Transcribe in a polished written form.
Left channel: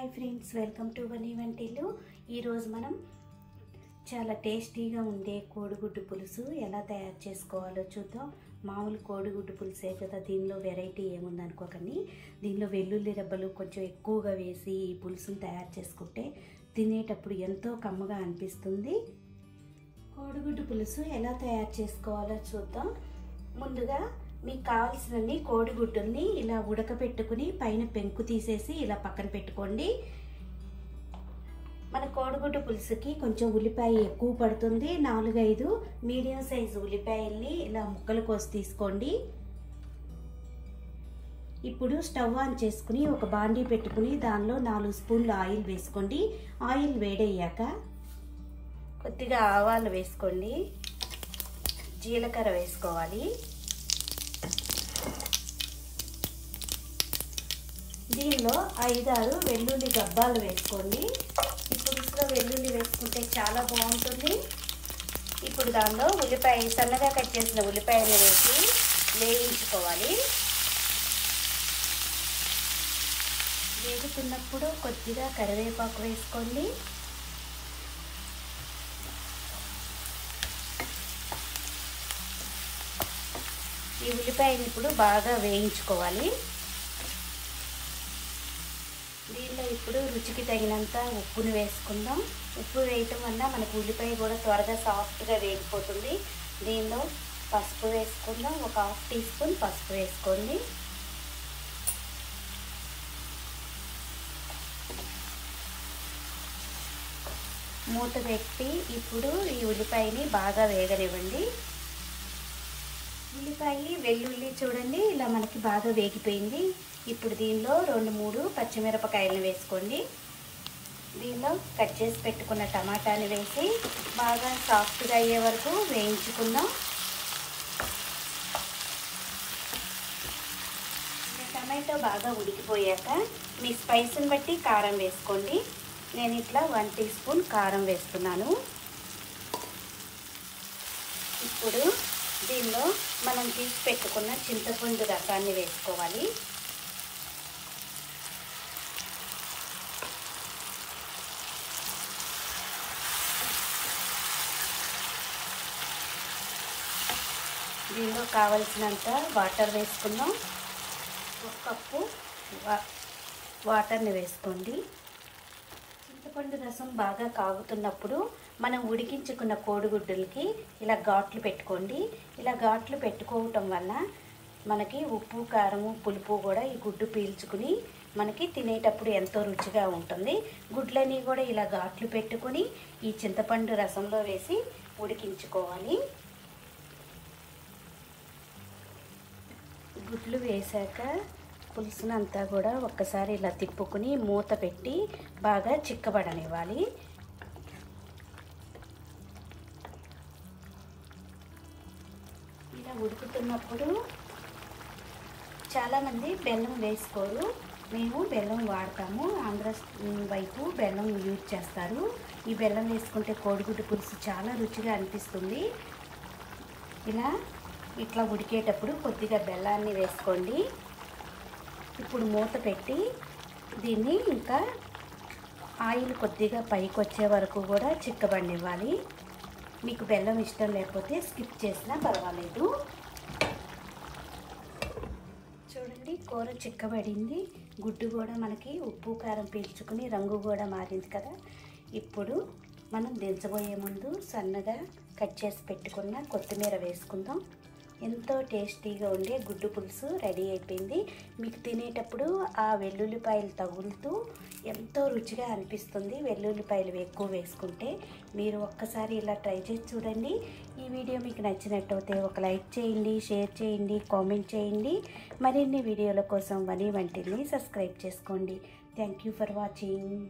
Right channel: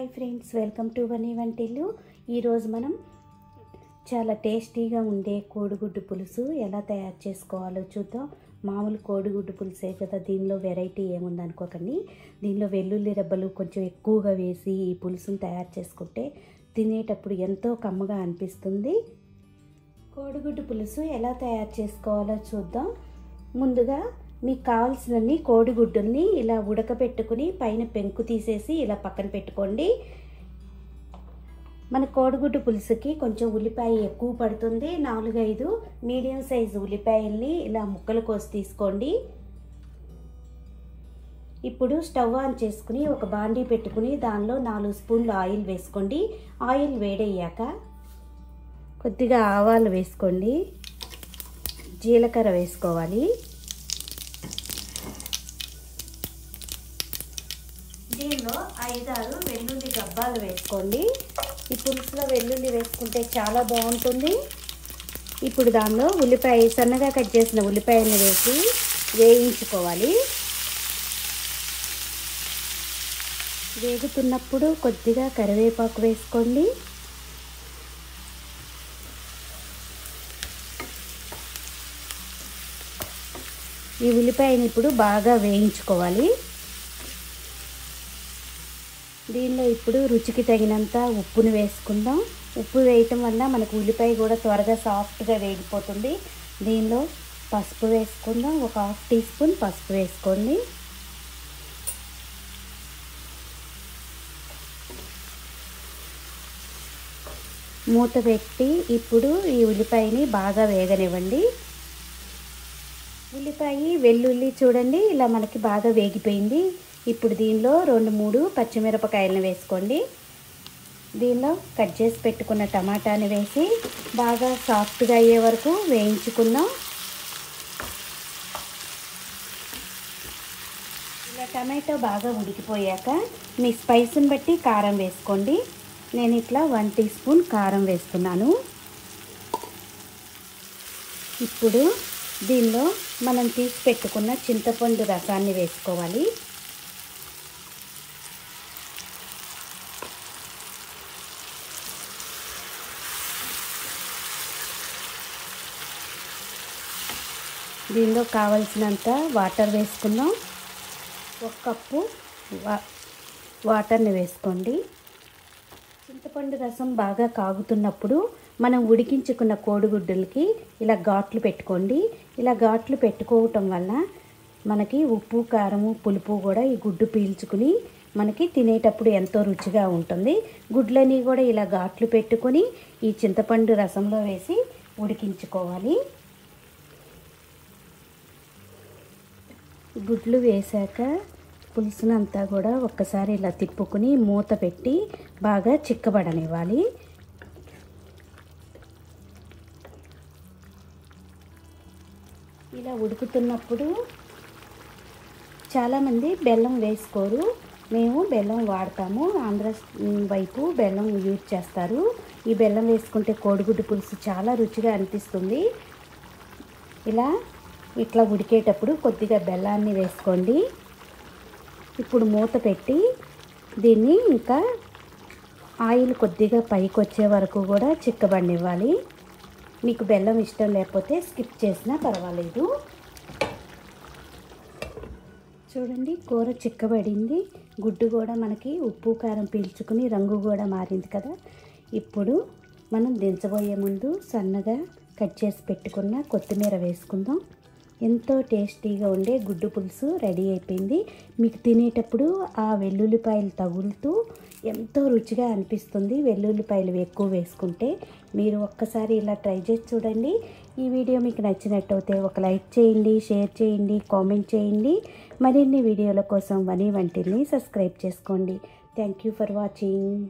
Hi friends, welcome to Vani Vantillu. ఈరోజు మనం చాలా టేస్టీగా ఉండే కోడిగుడ్డు పులుసు ఎలా తయారు చేసుకోవాలో చూద్దాం. మామూలు కోడిగుడ్డు పులుసే కదా, దీనిలో వెరైటీ ఏముందనుకోకండి. దీనిలో వెల్లుల్లి రెబ్బలు కొంచెం ఎక్కువగా వేసి ఈ పులుసును తయారు చేసుకుంటే తినేటప్పుడు ఎంతో కమ్మగా అనిపిస్తుంది. కోడిగుడ్డు పులుసు ఎలా తయారు చేసుకోవాలో చూద్దాం. ముందుగా మీకు కావాల్సినన్ని కోడిగుడ్డుల్ని ఇలా ఉడకబెట్టుకుని పైన పెంకు తీసేసి ఇలా పక్కన పెట్టుకోండి. మన కోడిగుడ్డు పులుసుకి కొంచెం ఉల్లిపాయ ఎక్కువ పడుతుంది. 4-5 మీడియం సైజు ఉల్లిపాయల్ని ఇలా ముక్కలు కోసి తీసుకోండి. ఇప్పుడు స్టవ్ ఆన్ చేసుకుని ఒక బాండీ పెట్టుకుని దానిలో 4 స్పూన్లు ఆయిల్ వేసుకోండి. ఆయిల్ వేడయ్యాక కొద్దిగా ఆవాలు వేసుకోండి, జీలకర్ర వేసుకోవాలి. దీనిలో 5-6 వెల్లుల్లి గబ్బాలు వేసుకోండి. ఈ పులుసులో వెల్లుల్లి వేసుకుంటే చాలా బాగుంటుంది. ఇప్పుడు దానిలో ఉల్లిపాయ, సన్నగా కట్ చేసిన ఉల్లిపాయలు వేసి వేయించుకోవాలి. వేగుతున్నప్పుడు కొద్దిగా కరివేపాకు వేసుకోండి. ఈ ఉల్లిపాయని ఇప్పుడు బాగా వేయించుకోవాలి. దీనిలో ఇప్పుడు రుచికి తగినంత ఉప్పును వేసుకుందాం. ఉప్పు వేయటం వల్ల మనకు ఉల్లిపాయ కూడా త్వరగా సాఫ్ట్గా వేగిపోతుంది. దీనిలో పసుపు వేసుకుందాం. ఒక 1/2 టీ స్పూన్ పసుపు వేసుకోండి. మూత పెట్టి ఇప్పుడు ఈ ఉల్లిపాయని బాగా వేగనివ్వండి. ఉల్లిపాయ వెల్లుల్లి చూడండి ఇలా మనకి బాగా వేగిపోయింది. ఇప్పుడు దీనిలో 2-3 పచ్చిమిరపకాయలను వేసుకోండి. దీనిలో కట్ చేసి పెట్టుకున్న టమాటాని వేసి బాగా సాఫ్ట్గా అయ్యే వరకు వేయించుకుందాం. ఇలా టమాటో బాగా ఉడికిపోయాక మీ స్పైస్ని బట్టి కారం వేసుకోండి. నేను ఇట్లా 1 టీ స్పూన్ కారం వేస్తున్నాను. ఇప్పుడు దీనిలో మనం తీసి పెట్టుకున్న చింతపండు రసాన్ని వేసుకోవాలి. దీనిలో కావలసినంత వాటర్ వేసుకున్నాం. 1 కప్పు వాటర్ని వేసుకోండి. చింతపండు రసం బాగా కాగుతున్నప్పుడు మనం ఉడికించుకున్న కోడిగుడ్డులకి ఇలా ఘాట్లు పెట్టుకోండి. ఇలా ఘాట్లు పెట్టుకోవటం వల్ల మనకి ఉప్పు, కారము, పులుపు కూడా ఈ గుడ్డు పీల్చుకుని మనకి తినేటప్పుడు ఎంతో రుచిగా ఉంటుంది. గుడ్లని కూడా ఇలా ఘాట్లు పెట్టుకొని ఈ చింతపండు రసంలో వేసి ఉడికించుకోవాలి. గుడ్లు వేసాక పులుసునంతా కూడా ఒక్కసారి ఇలా తిప్పుకుని మూత పెట్టి బాగా చిక్కబడనివ్వాలి. ఇలా ఉడుకుతున్నప్పుడు చాలామంది బెల్లం వేసుకోరు, మేము బెల్లం వాడతాము. ఆంధ్ర వైపు బెల్లం యూజ్ చేస్తారు. ఈ బెల్లం వేసుకుంటే కోడిగుడ్డు పులుసు చాలా రుచిగా అనిపిస్తుంది. ఇట్లా ఉడికేటప్పుడు కొద్దిగా బెల్లాన్ని వేసుకోండి. ఇప్పుడు మూత పెట్టి దీన్ని ఇంకా ఆయిల్ కొద్దిగా పైకి వచ్చే వరకు కూడా చిక్కబడినివ్వాలి. మీకు బెల్లం ఇష్టం లేకపోతే స్కిప్ చేసినా పర్వాలేదు. చూడండి, కూర చిక్కబడింది. గుడ్డు కూడా మనకి ఉప్పు కారం పీల్చుకుని రంగు కూడా మారింది కదా. ఇప్పుడు మనం దించబోయే ముందు సన్నగా కట్ చేసి పెట్టుకున్న కొత్తిమీర వేసుకుందాం. ఎంతో టేస్టీగా ఉండే గుడ్డు పులుసు రెడీ అయిపోయింది. మీకు తినేటప్పుడు ఆ వెల్లుల్లిపాయలు తగులుతూ ఎంతో రుచిగా అనిపిస్తుంది. వెల్లుల్లిపాయలు ఎక్కువ వేసుకుంటే మీరు ఒక్కసారి ఇలా ట్రై చేసి చూడండి. ఈ వీడియో మీకు నచ్చినట్టయితే ఒక లైక్ చేయండి, షేర్ చేయండి, కామెంట్ చేయండి. మరిన్ని వీడియోల కోసం వనీ వంటిల్ని సబ్స్క్రైబ్ చేసుకోండి. Thank you for watching.